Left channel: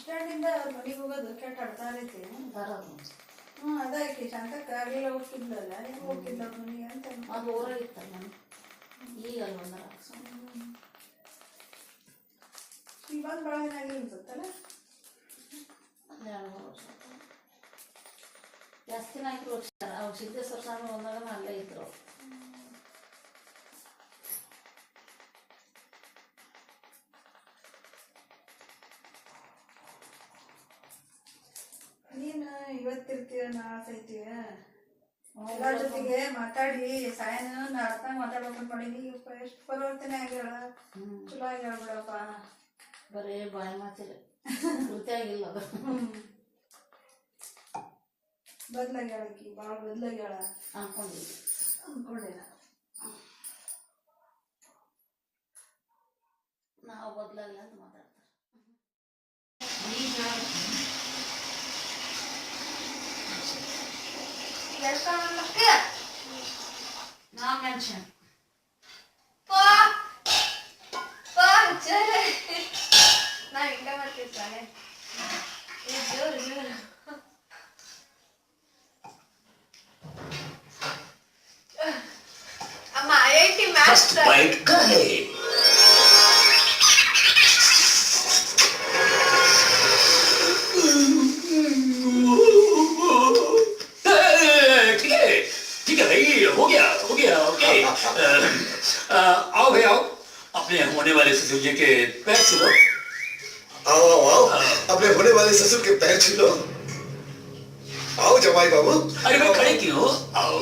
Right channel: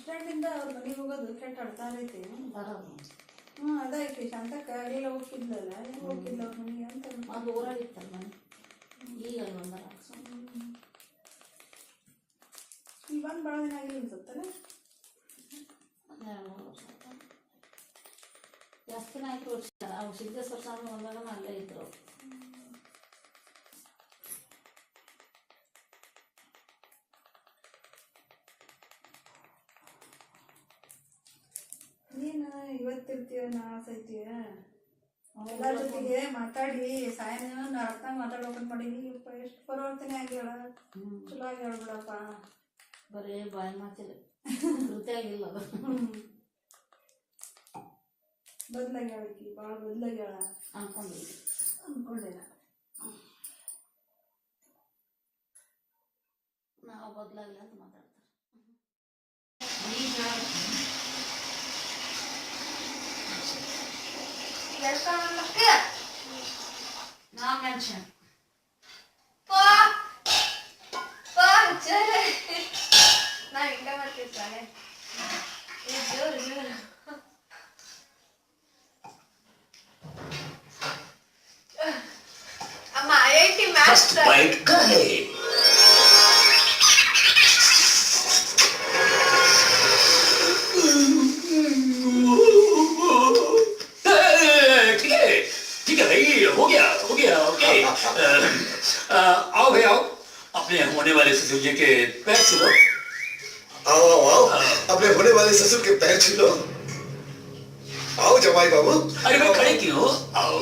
ಸ್ಟ್ಯಾಂಡಿಂದ ಅವ್ರ ಮನೆಗೆ ಹೋಗೋದು ಕೆಟ್ಟ ಆಡ್ತಾ ಇರೈತಿ ಬರೋದು. ಅದಾಕಿ ಶಾಂತಕ್ಕ ಅಡಿಗೆಲ್ಲ ಹೋಗ್ತಿದ್ಲಲ್ಲ, ಈಗ ಹೋಗ್ತಿದ್ಲ ಮನೆಗೆ ಅಂತ. ಅದು ಊರಾಗಿತ್ತಲ್ಲ ಮನೆ, ಈಗ ಬಂದಾರ. ಈಗ ಬಂದು ಭಾಳ ದಿನ ಆಗಲಿ ಅನ್ಸುತ್ತಲ್ಲ. ಜಾಸ್ತಿನ ಆಯ್ತು. ಅವ್ರು ಸಿದ್ದೇಶ್ವರ ಸ್ವಾಮಿ ಬಂದಾಗ ಅಲ್ಲೇ ಇದ್ರು. ನೀನು ಇವತ್ತಿರ್ತೀಯ ನಾಳ್ಸೈತೀಯ ಎಲ್ಲರ ಜೊತೆಗೆ ಮಾತಾಡಿ ಸಾಯನ ಅರ್ಥ ಮಾತಾಡ್ಬೇಕಂತ ಮಾಡೀನಿ. ಎಷ್ಟು ಪರಿವರ್ತನೆ ಆಗ್ಯಾಳ, ಚಲೋ ಆಗ್ಯಾಳ ಬಿಡಪ್ಪ. ಬರೀ ಬಾಯ್ ಮಾತಿಲ್ಲ, ಕೃತಿ ಆಗಿಲ್ಲ. ಬದಲಾಗ್ಯಾಳ ಆಕಿ, ಭಾಳ ಬದಲಾಗ್ಯಾಳ ಅನ್ಕೊಂಡೆ ನಾವು ಬದಲಾಗಿಲ್ಲ ಅಂತ ಮಾತಾಡ್ತಾರೆ. Now mention. ನಾ ಹಿಂಗ ಮಾಡ್ತಿರ್ತಾನೆ. ಜೋರು ಜೋರು ಅಮ್ಮ IIT ಮಾಸ್ಟರ್. आओ भाई आओ, अपने होने वाले ससुर जी के पैर छूलो। आओ आओ आओ, अपने होने वाले ससुर के पैर छूलो। आओ जमाई बाबू। अरे भाई खड़े क्यों? आओ।